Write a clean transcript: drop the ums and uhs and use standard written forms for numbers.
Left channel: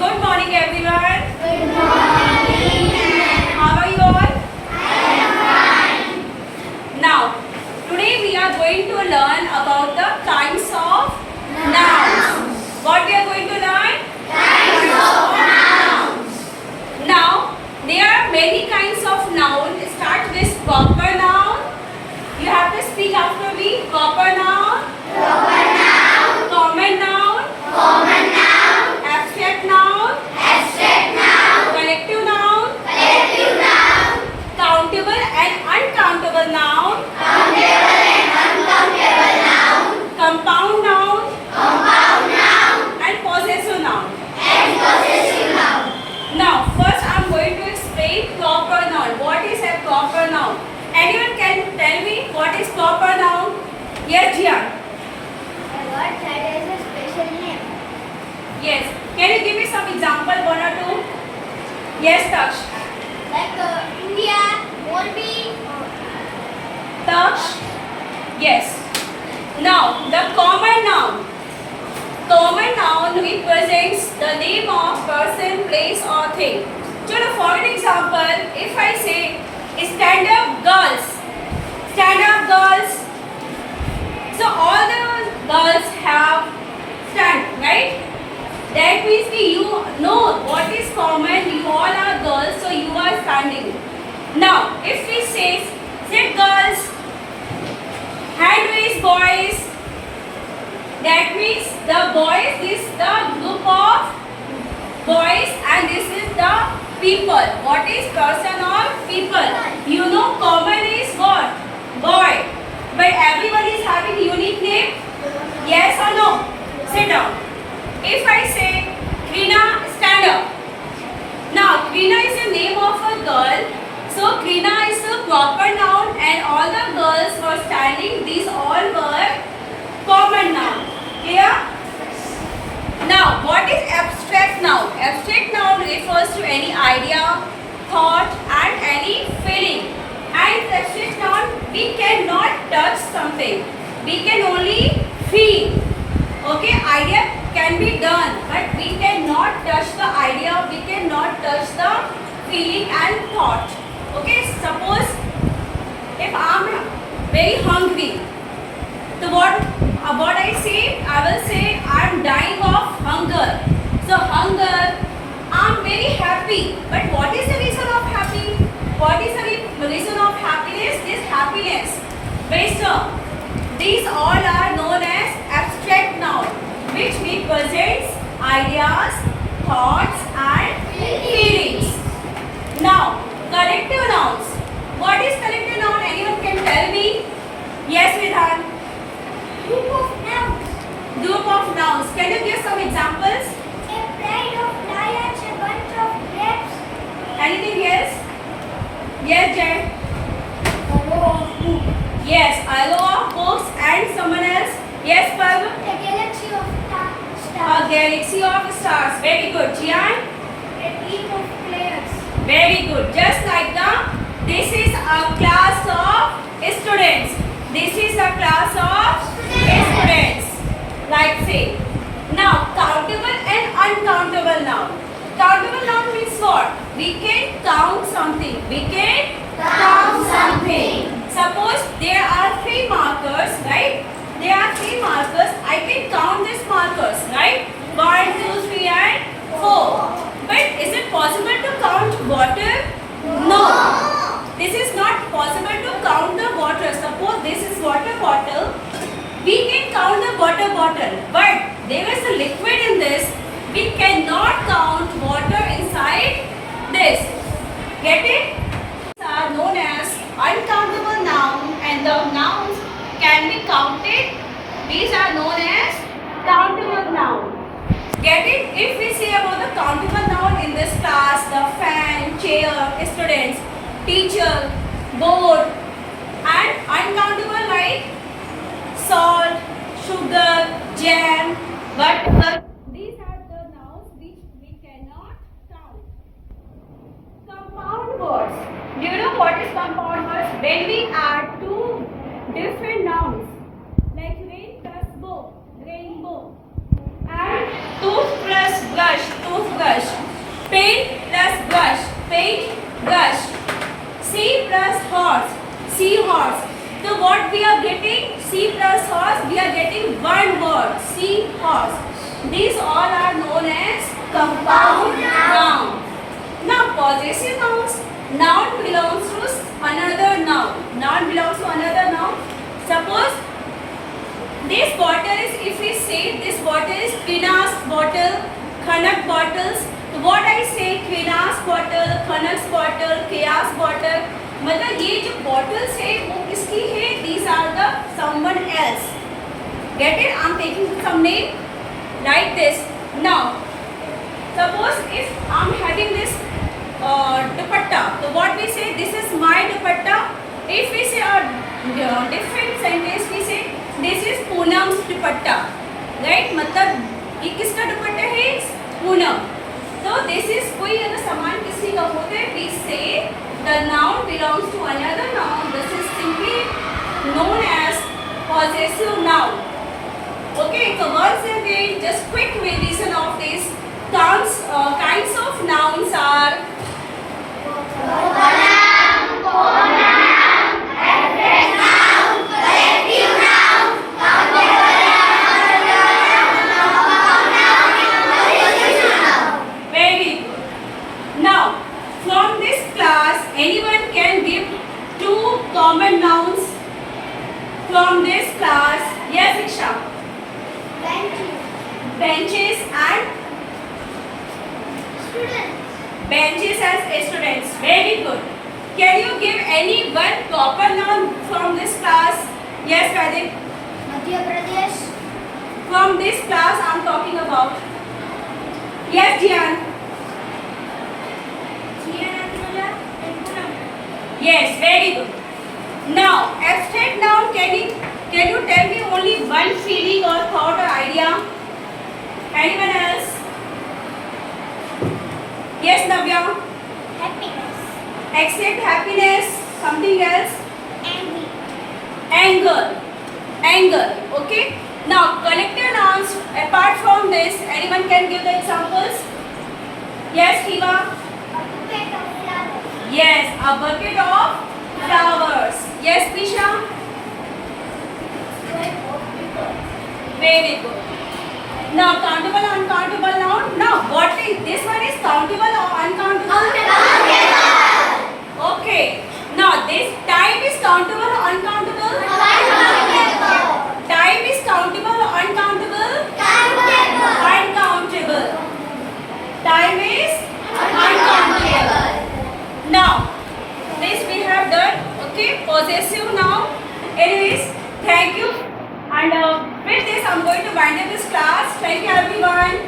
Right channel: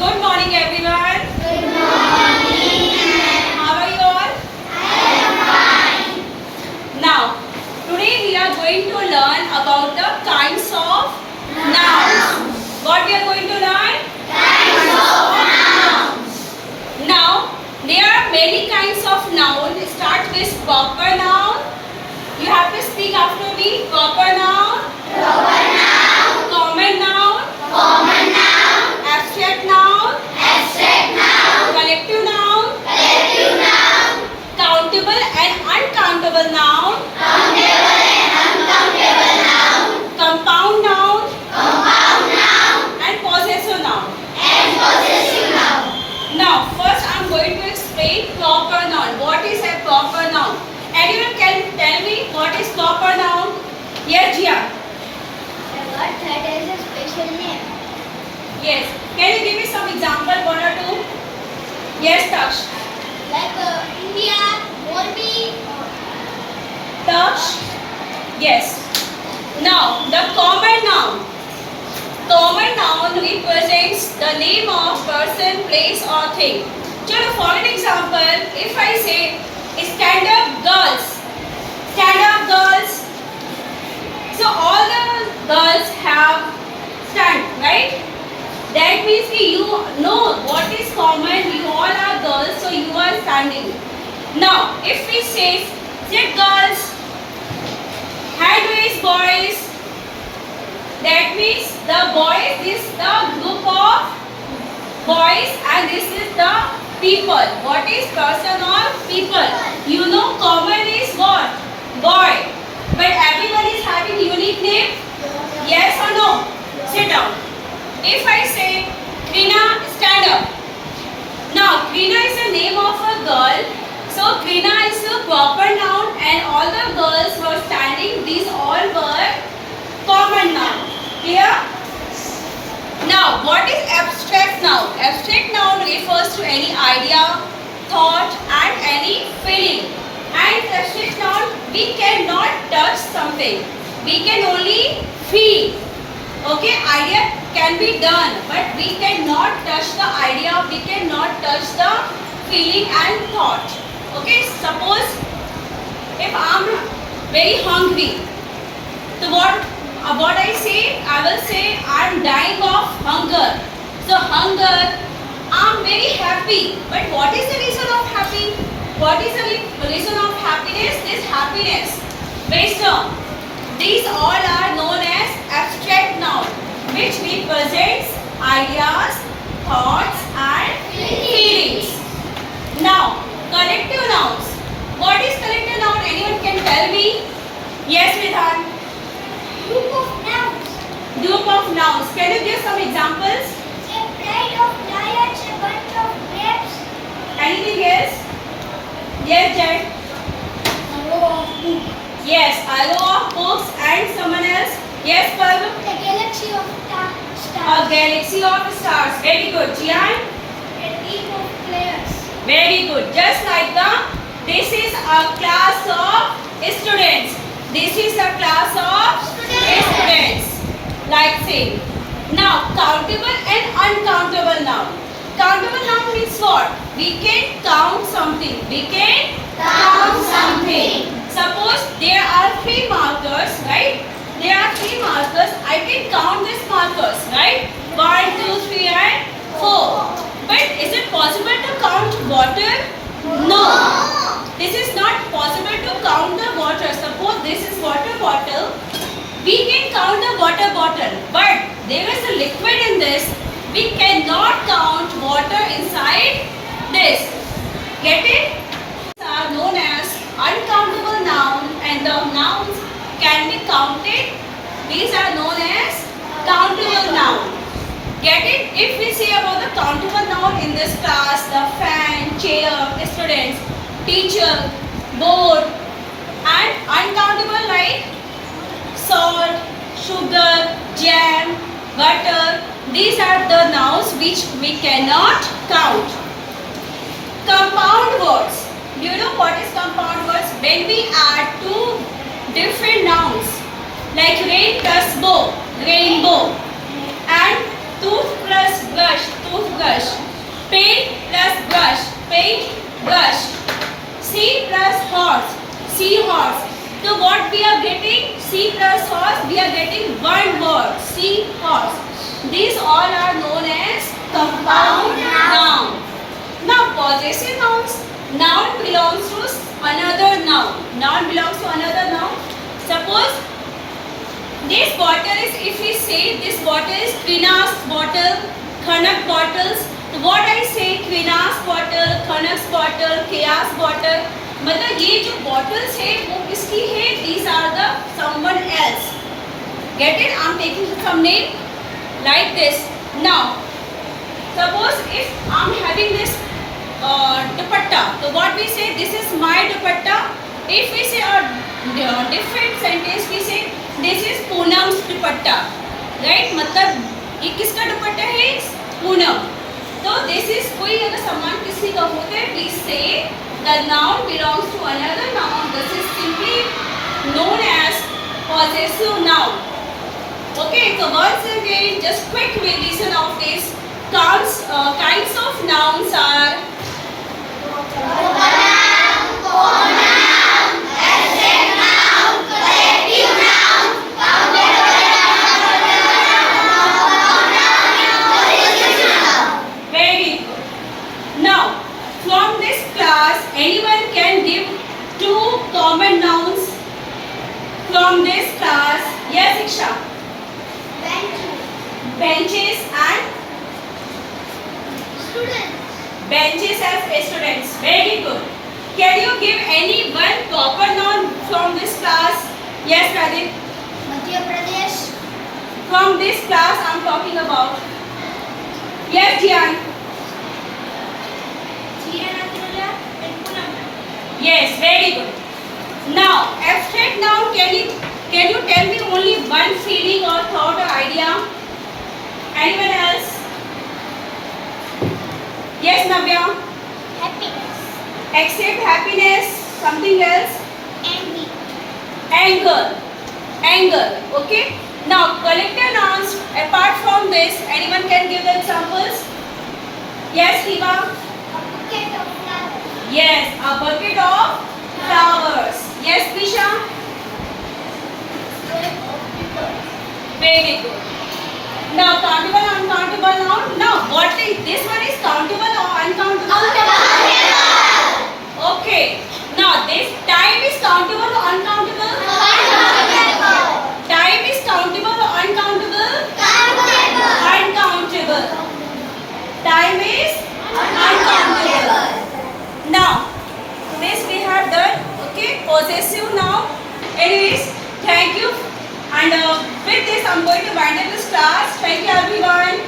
Good morning everyone. Good morning. How are you all? I am fine. Now, today we are going to learn about the kinds of nouns. What we are going to learn? Kinds of nouns. Now, there are many kinds of nouns. Start with proper noun. You have to speak after me. Proper noun. Proper noun. Common noun. Common noun. Abstract noun. Abstract noun. Collective noun. Collective noun. Countable and uncountable noun. Countable and uncountable noun. Compound noun. Compound noun. And possessive noun. And possessive noun. Now, first I am going to explain proper noun. What is a proper noun? Anyone can tell me what is proper noun? Yes, Jian. A word that has a special name. Yes. Can you give me some example, one or two? Yes, Taksh. Like India, Morbi. Taksh. Yes. Now, the common noun. Common noun represents the name of person, place or thing. So, for an example, if I say stand up girls. Stand up girls. So, all the girls have stand, right? That means you know what is common. You all are girls, so you are standing. Now, if we say sit girls, hand raise boys, that means the boys is the group of boys and this is the people. What is person or people? You know common is what? Boy. But everyone is having unique name? Yes or no? Sit down. If I say Krina, stand up. Now Krina is the name of a girl. So Krina is a proper noun and all the girls who are standing, these all were common noun. Clear? Now, what is abstract noun? Abstract noun refers to any idea, thought and any feeling. And abstract noun, we cannot touch something. We can only feel. Okay, idea can be done, but we cannot touch the idea. We cannot touch the feeling and thought. Okay, suppose if I am very hungry, so what I say? I will say I am dying of hunger. So hunger, I am very happy. But what is the reason of happy? What is the reason of happiness? This happiness. Wisdom. These all are known as abstract noun, which represents ideas, thoughts and feelings. Now, collective nouns. What is collective noun? Anyone can tell me? Yes, Vidhan. Group of nouns. Group of nouns. Can you give some examples? A pride of lions, a bunch of grapes. Anything else? Yes, Jed. A row of books. Yes, a row of books and someone else. Yes, Parv. A galaxy of A stars. galaxy of stars. Very good. Jian. A team of players. Very good. Just like this is a class of students. This is a class of students. Like say. Now, countable and uncountable noun. Countable noun means what? We can count something. We can count something. Suppose there are 3 markers, right? There are 3 markers. I can count these markers, right? 1, 2, 3 and 4. But is it possible to count water? No. This is not possible to count the water. Suppose this is water bottle. We can count the water bottle. But there is a liquid in this. We cannot count water inside this. Get it? These are known as uncountable noun and the nouns can be counted. These are known as countable noun. Get it? If we say about the countable noun in this class, the fan, chair, students, teacher, board and uncountable like salt, sugar, jam, butter. These are the nouns which we cannot count. Compound words. Do you know what is compound words? When we add 2 different nouns like rain plus bow, rainbow, and tooth plus brush, toothbrush. C plus horse, we are getting one word, C horse. These all are known as compound noun. Now possessive nouns, noun belongs to another noun. Noun belongs to another noun. Suppose this bottle is, if we say this bottle is Quina's bottle, Khanak bottles, तो what I say Quina's bottle, Khanak's bottle, Kia's bottle, मतलब ये जो bottles है वो किसकी है? These are the someone else. Get it? I'm taking some name like this. Now, suppose if I'm having this dupatta, so what we say? This is my dupatta. If we say a different sentence, we say this is Poonam's dupatta, right? मतलब ये किसका दुपट्टा है? पूनम. तो this is कोई अगर सामान किसी का होता है, we say the noun belongs to another noun. This is simply known as possessive noun. Okay, so once again, just quick revision of this. Kinds of nouns are very good. Now, from this class, anyone can give two common nouns from this class. Yes, Iksha. Benches and Students. benches as students. Very good. Can you give any one proper noun from this class? Yes, Pradeep. Madhya Pradesh. From this class I'm talking about. Yes, Jian. Yes, very good. Now, abstract noun, can you tell me only one feeling or thought or idea? Anyone else? Yes, Navya. Happiness. Except happiness, something else? Envy. Anger. Anger. Okay. Now, collective nouns, apart from this, anyone can give the examples? Yes, Hiva. A bouquet of flowers. Yes, a bucket of flowers. Yes, Prisha. Square of people. Very good. Now, countable, uncountable noun. Now, what is this one is countable or uncountable? Okay. Now, this time is countable or uncountable? Time is countable or uncountable? Uncountable. Time is uncountable. Now, this we have done. Okay, possessive noun. Anyways, thank you. And with this, I'm going to wind up this class. Thank you, everyone.